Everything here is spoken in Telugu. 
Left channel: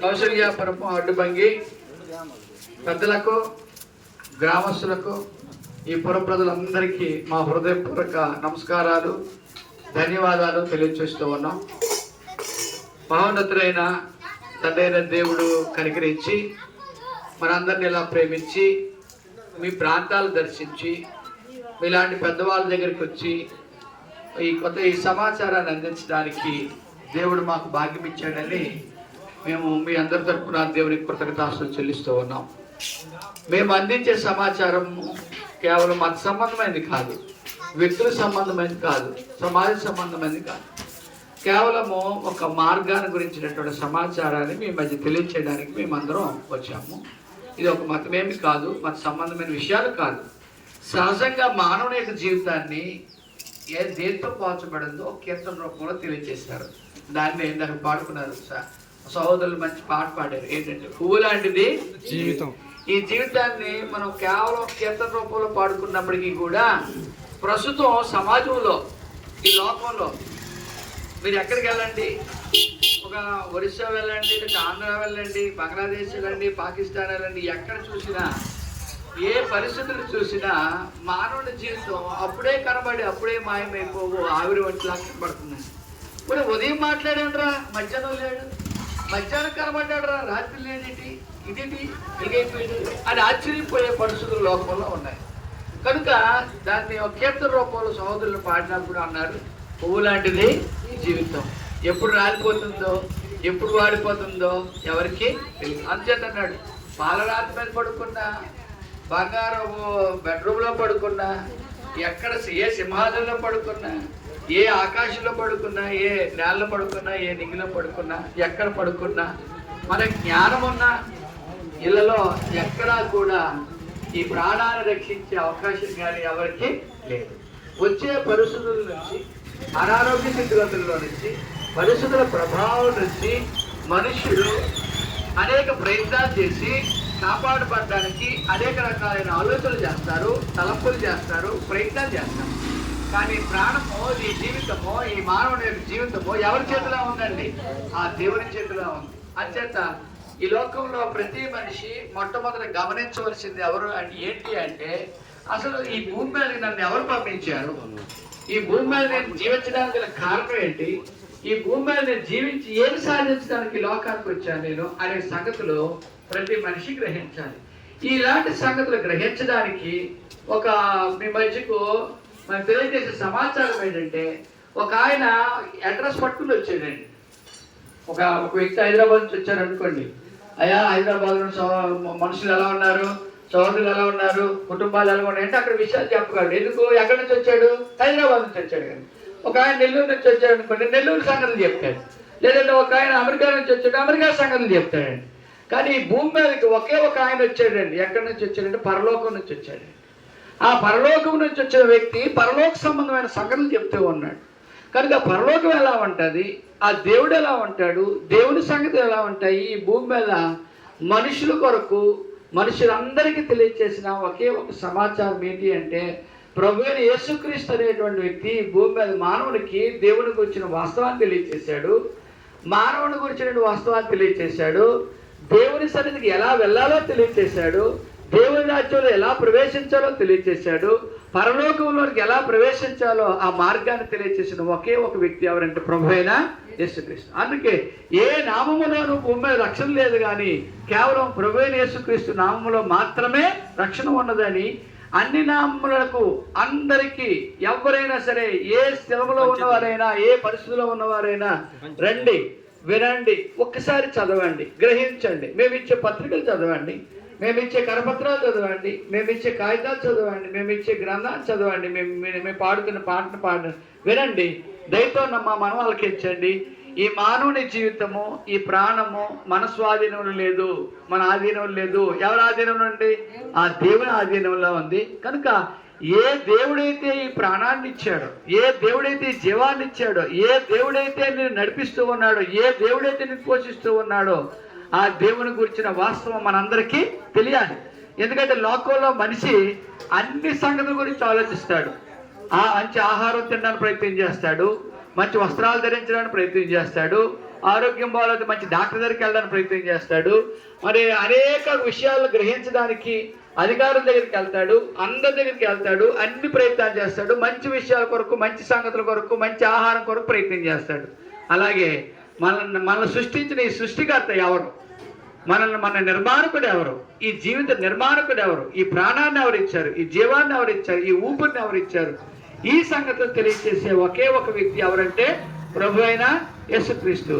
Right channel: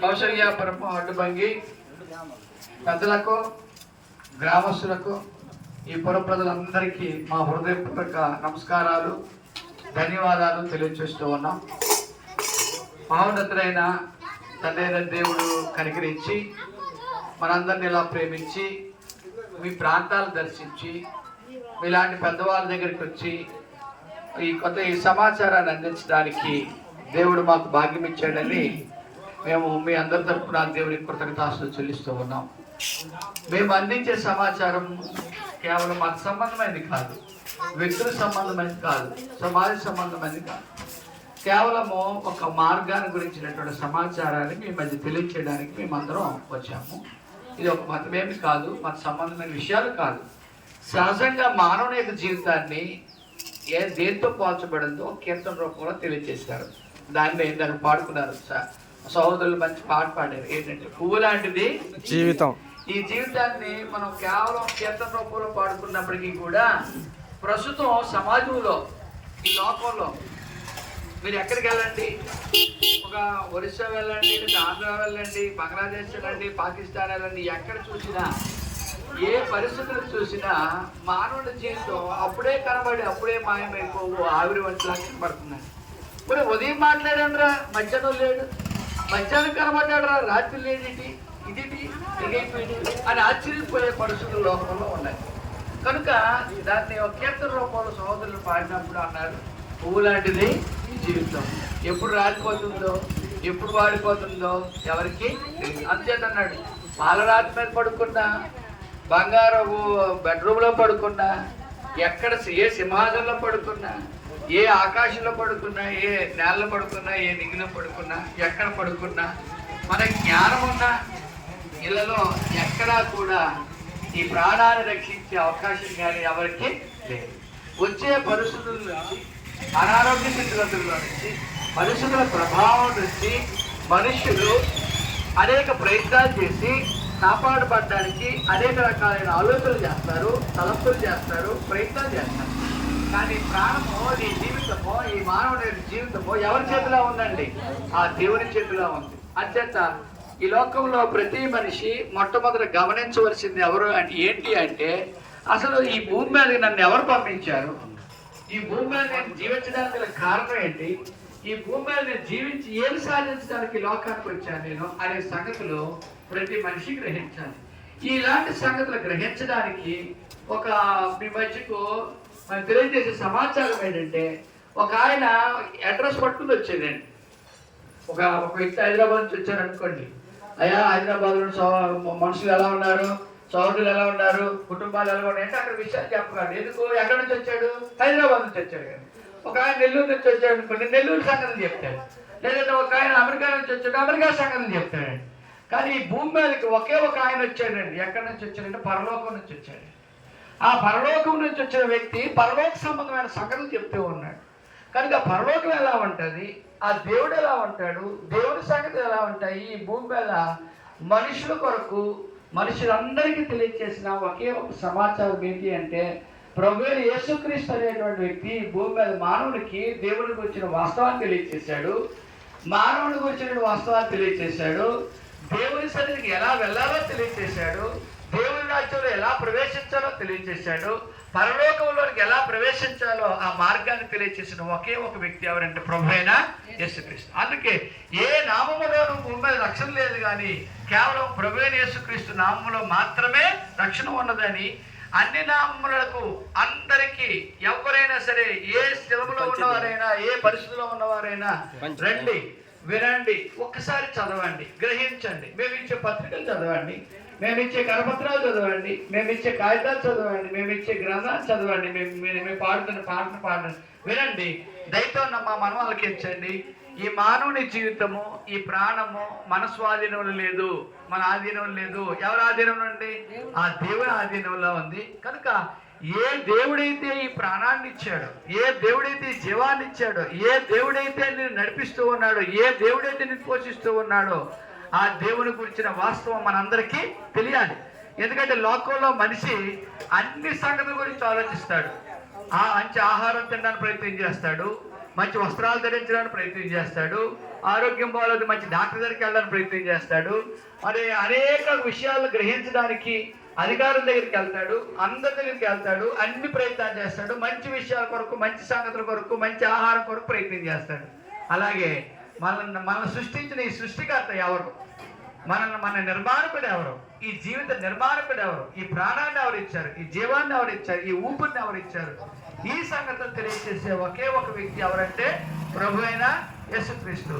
కౌశల్యాపురము అడ్డుబంగి పెద్దలకు గ్రామస్తులకు ఈ పుర ప్రజలందరికీ మా హృదయపూర్వక నమస్కారాలు ధన్యవాదాలు తెలియచేస్తూ ఉన్నాం. మహోన్నతులైన తండ్రైన దేవుడు కనికరించి మనందరిని ఇలా ప్రేమించి మీ ప్రాంతాలు దర్శించి మీలాంటి పెద్దవాళ్ళ దగ్గరికి వచ్చి ఈ కొత్త ఈ సమాచారాన్ని అందించడానికి దేవుడు మాకు భాగ్యం ఇచ్చాడని మేము మీ అందరి తరఫున దేవునికి కృతజ్ఞతాస్తులు చెల్లిస్తూ ఉన్నాం. మేము అందించే సమాచారం కేవలం మత సంబంధమైనది కాదు. వ్యక్తుల సంబంధమైనది కాదు. సమాజ సంబంధమైనది కాదు. కేవలము ఒక మార్గాన్ని గురించినటువంటి సమాచారాన్ని మీ మధ్య తెలియచేయడానికి మేమందరం వచ్చాము. ఇది ఒక మతమేమి కాదు మత సంబంధమైన విషయాలు కాదు. సహజంగా మానవుని యొక్క జీవితాన్ని ఏ దేంతో పోల్చబడిందో కీర్తన రూపంలో తెలియజేశారు దాన్ని ఇందాక పాడుకున్నారు స- సహోదరులు మంచి పాట పాడారు. ఏంటంటే పువ్వు లాంటిది జీవితం. ఈ జీవితాన్ని మనం కేవలం కీర్తన రూపంలో పాడుకున్నప్పటికీ కూడా ప్రస్తుతం సమాజంలో ఈ లోకంలో మీరు ఎక్కడికి వెళ్ళండి? ఒక ఒరిస్సా వెళ్ళండి లేదా ఆంధ్ర వెళ్ళండి బంగ్లాదేశ్ వెళ్ళండి పాకిస్తాన్ వెళ్ళండి ఎక్కడ చూసినా ఏ పరిస్థితులు చూసినా మానవుడి జీవితం అప్పుడే కనబడి అప్పుడే మాయమైపోవు ఆవిరి వంటిలా కనబడుతున్నాయి ఇప్పుడు ఉదయం మాట్లాడానరా మధ్యాహ్నం లేడు. మధ్యాహ్నం కనబడ్డాడరా రాత్రి లేనిటి ఇదేంటి ఎగైపోయాడు అని ఆశ్చర్యపోయే పరిస్థితులు లోకంలో ఉన్నాయి. కనుక దాన్ని ఒక కీర్తన రూపంలో సహోదరులు పాడినప్పుడు అన్నారు పువ్వు లాంటిది ఈ జీవితం. ఎప్పుడు రాలిపోతుందో ఎప్పుడు వాడిపోతుందో ఎవరికి తెలియదు. అంచేత అన్నాడు పాలరాతి మీద పడుకున్నా బంగారము బెడ్రూమ్లో పడుకున్నా ఎక్కడ ఏ సింహాసనంలో పడుకున్నా ఏ ఆకాశంలో పడుకున్నా ఏ నేలలో పడుకున్నా ఏ నిగిలో పడుకున్నా ఎక్కడ పడుకున్నా మన జ్ఞానం ఉన్న ఇళ్ళలో ఎక్కడా కూడా ఈ ప్రాణాన్ని రక్షించే అవకాశం కానీ ఎవరికి లేదు. వచ్చే పరిస్థితుల నుంచి అనారోగ్య స్థితిగతుల్లో నుంచి పరిస్థితుల ప్రభావం నుంచి మనుషులు అనేక ప్రయత్నాలు చేసి కాపాడబడడానికి అనేక రకాలైన ఆలోచనలు చేస్తారు తలంపులు చేస్తారు ప్రయత్నాలు చేస్తారు. కానీ ప్రాణము ఈ జీవితము ఈ మానవుని యొక్క జీవితము ఎవరి చేతిలో ఉందండి? ఆ దేవుని చేతిలో ఉంది. అంచేత ఈ లోకంలో ప్రతి మనిషి మొట్టమొదట గమనించవలసింది ఎవరు అంటే ఏంటి అంటే అసలు ఈ భూమి మీద నన్ను ఎవరు పంపించారు? ఈ భూమి మీద నేను జీవించడానికి గల కారణం ఏంటి? ఈ భూమి మీద నేను జీవించి ఏమి సాధించడానికి లోకానికి వచ్చాను నేను అనే సంగతులు ప్రతి మనిషి గ్రహించాలి. ఇలాంటి సంగతులు గ్రహించడానికి ఒక మీ మధ్యకు మనం తెలియజేసే సమాచారం ఏంటంటే ఒక ఆయన అడ్రస్ పట్టుకుని వచ్చాడండి. ఒక ఒక వ్యక్తి హైదరాబాద్ నుంచి వచ్చాడు అనుకోండి. అయ్యా హైదరాబాద్ సో- మనుషులు ఎలా ఉన్నారు? సోదరులు ఎలా ఉన్నారు? కుటుంబాలు ఎలా ఉన్నాయి? అంటే అక్కడ విషయాలు చెప్పగలడు. ఎందుకు? ఎక్కడి నుంచి వచ్చాడు? హైదరాబాద్ నుంచి వచ్చాడు కానీ ఒక ఆయన నెల్లూరు నుంచి వచ్చాడు అనుకోండి నెల్లూరు సంగతులు చెప్తాడు. లేదంటే ఒక ఆయన అమెరికా నుంచి వచ్చాడు అమెరికా సంగతులు చెప్తాడండి. కానీ ఈ భూమి మీదకి ఒకే ఒక ఆయన వచ్చాడండి. ఎక్కడి నుంచి వచ్చాడంటే పరలోకం నుంచి వచ్చాడండి. ఆ పరలోకం నుంచి వచ్చిన వ్యక్తి పరలోక సంబంధమైన సంఘటనలు చెప్తూ ఉన్నాడు. కనుక పరలోకం ఎలా ఉంటుంది? ఆ దేవుడు ఎలా ఉంటాడు? దేవుడి సంగతి ఎలా ఉంటాయి? ఈ భూమి మీద మనుషుల కొరకు మనుషులందరికీ తెలియచేసిన ఒకే ఒక సమాచారం ఏంటి అంటే ప్రభు అయిన యేసుక్రీస్తు అనేటువంటి వ్యక్తి భూమి మీద మానవుడికి దేవుడికి వచ్చిన వాస్తవాన్ని తెలియచేశాడు. మానవుడికి వచ్చిన వాస్తవాన్ని తెలియచేశాడు. దేవుని సన్నిధికి ఎలా వెళ్ళాలో తెలియచేశాడు. దేవుని రాజ్యంలో ఎలా ప్రవేశించాలో తెలియచేశాడు. పరలోకంలోకి ఎలా ప్రవేశించాలో ఆ మార్గాన్ని తెలియచేసిన ఒకే ఒక వ్యక్తి ఎవరంటే ప్రభు అయిన యేసుక్రీస్తు. అందుకే ఏ నామములోను భూమి మీద రక్షణ లేదు కానీ కేవలం ప్రభు అయిన యేసుక్రీస్తు నామములో మాత్రమే రక్షణ ఉన్నదని అన్ని నామములకు అందరికీ ఎవరైనా సరే ఏ స్థిరములో ఉన్నవారైనా ఏ పరిస్థితిలో ఉన్నవారైనా రండి. వినండి ఒక్కసారి చదవండి గ్రహించండి. మేము ఇచ్చే పత్రికలు చదవండి మేము ఇచ్చే కరపత్రాలు చదవండి మేము ఇచ్చే కాగితాలు చదవండి మేము ఇచ్చే గ్రంథాలు చదవండి మేము మేము పాడుతున్న పాటను పాడండి. వినండి దయతో ఉన్న మా మనం ఆలకించండి. ఈ మానవుని జీవితము ఈ ప్రాణము మన స్వాధీనంలో లేదు మన ఆధీనంలో లేదు. ఎవరి ఆధీనంలో ఉంది? ఆ దేవుని ఆధీనంలో ఉంది. కనుక ఏ దేవుడైతే ఈ ప్రాణాన్ని ఇచ్చాడో ఏ దేవుడైతే ఈ జీవాన్ని ఇచ్చాడో ఏ దేవుడైతే నేను నడిపిస్తూ ఉన్నాడో ఏ దేవుడైతే నేను పోషిస్తూ ఉన్నాడో ఆ దేవుని గురించిన వాస్తవం మనందరికీ తెలియాలి. ఎందుకంటే లోకంలో మనిషి అన్ని సంగతుల గురించి ఆలోచిస్తాడు. ఆ మంచి ఆహారం తినడానికి ప్రయత్నం చేస్తాడు మంచి వస్త్రాలు ధరించడానికి ప్రయత్నం చేస్తాడు ఆరోగ్యం బాగాలేదు మంచి డాక్టర్ దగ్గరికి వెళ్ళడానికి ప్రయత్నం చేస్తాడు. మరి అనేక విషయాలు గ్రహించడానికి అధికారం దగ్గరికి వెళ్తాడు అందరి దగ్గరికి వెళ్తాడు అన్ని ప్రయత్నాలు చేస్తాడు. మంచి విషయాల కొరకు మంచి సంగతుల కొరకు మంచి ఆహారం కొరకు ప్రయత్నం చేస్తాడు. అలాగే మనల్ని మనల్ని సృష్టించిన ఈ సృష్టికర్త ఎవరు? మనల్ని మన నిర్మాణకుడు ఎవరు? ఈ జీవిత నిర్మాణకుడు ఎవరు? ఈ ప్రాణాన్ని ఎవరు ఇచ్చారు? ఈ జీవాన్ని ఎవరు ఇచ్చారు? ఈ ఊపిరిని ఎవరు ఇచ్చారు? ఈ సంగతులు తెలియజేసే ఒకే ఒక వ్యక్తి ఎవరంటే ప్రభు అయినా యేసుక్రీస్తు